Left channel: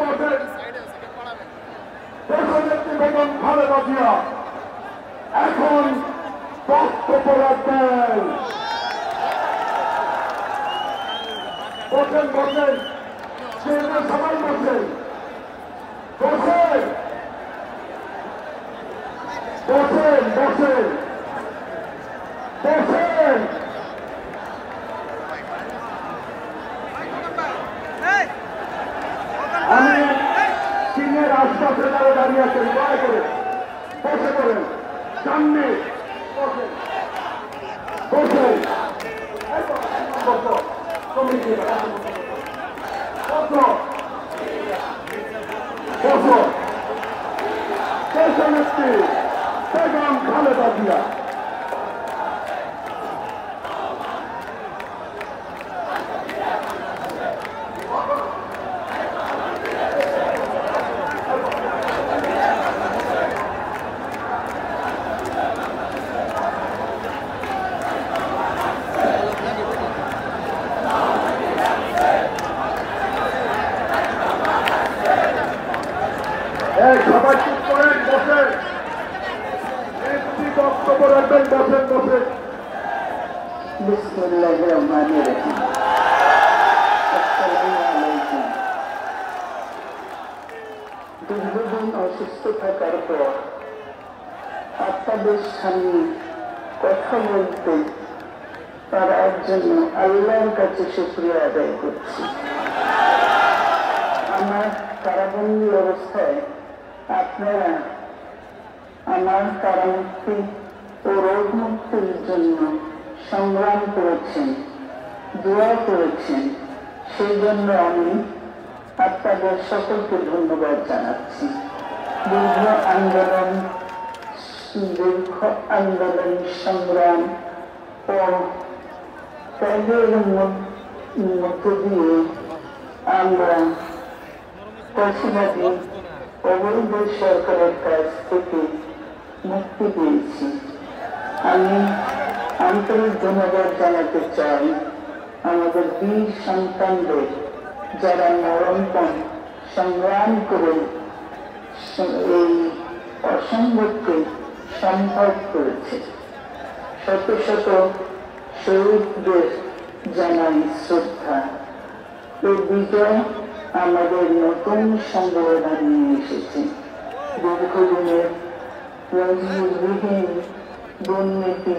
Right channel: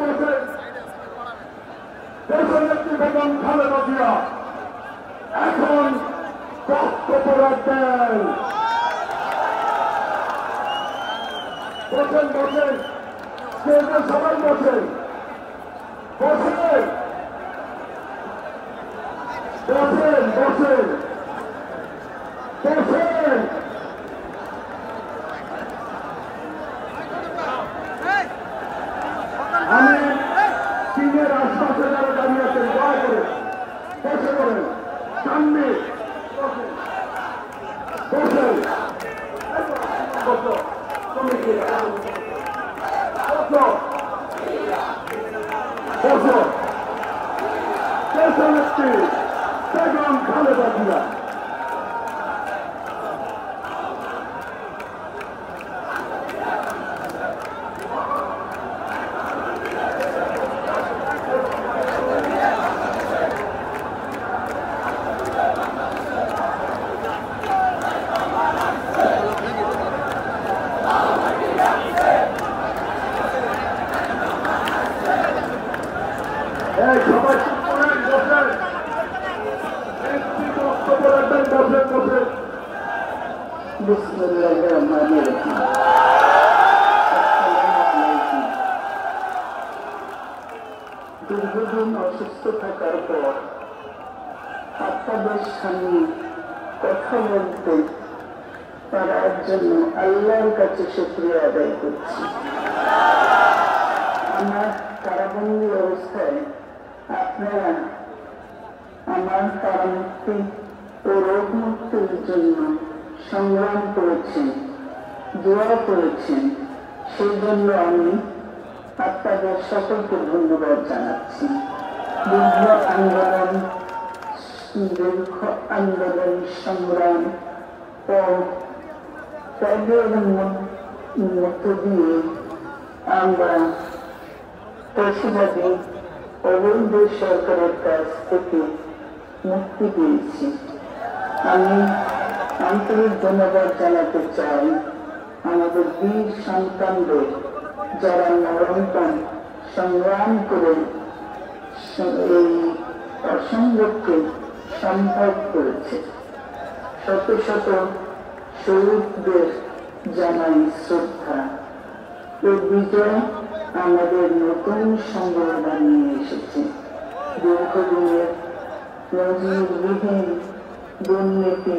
মাঝে দেশনেত্রী বেগম খালেদা জিয়া এখন বক্তব্য রাখবেন। বসেন বসেন, সবাই বসেন বসেন বসেন বসেন বসেন। আমি চীনের আশপাশে যারা দাঁড়িয়ে আছেন দয়া করে বসে পড়েন, সামনে বসেন বসেন দেশনেত্রী বেগম খালেদা জিয়া। সবাই চুপ করেন, বসেন, বক্তব্য রাখবেন, বসেন বসেন। বিসমিল্লাহির রহমানির রহিম। দীর্ঘদিন অসুস্থ থাকার পর আপনাদের সামনে কথা বলতে তার জন্য আল্লাহর কাছে শুকরিয়া আদায় করছি। আমার কারাবন্দী অবস্থায় আপনারা আমার কারামুক্তি ও রোগ মুক্তির জন্য সংগ্রাম করেছেন, দোয়া করেছেন, সেই জন্য আমি আপনাদের সকলকে ধন্যবাদ জানাচ্ছি। দীর্ঘ আন্দোলন সংগ্রাম ও ত্যাগের মধ্য দিয়ে আমরা পেশিবাদী অবৈধ সরকারের কাছ থেকে মুক্তি পেয়েছি। আমি আন্তরিক ধন্যবাদ জানাতে চাই আমাদের বীর সন্তানদের, যারা নিরন্তর সংগ্রাম করে এই অসম্ভবকে সম্ভব করেছে। শত শত শহীদদের জানাই শ্রদ্ধা। এই বিজয় আমাদের নতুন সম্ভাবনা নিয়ে এসেছে। দীর্ঘদিনের নজিরবিহীন দুর্নীতি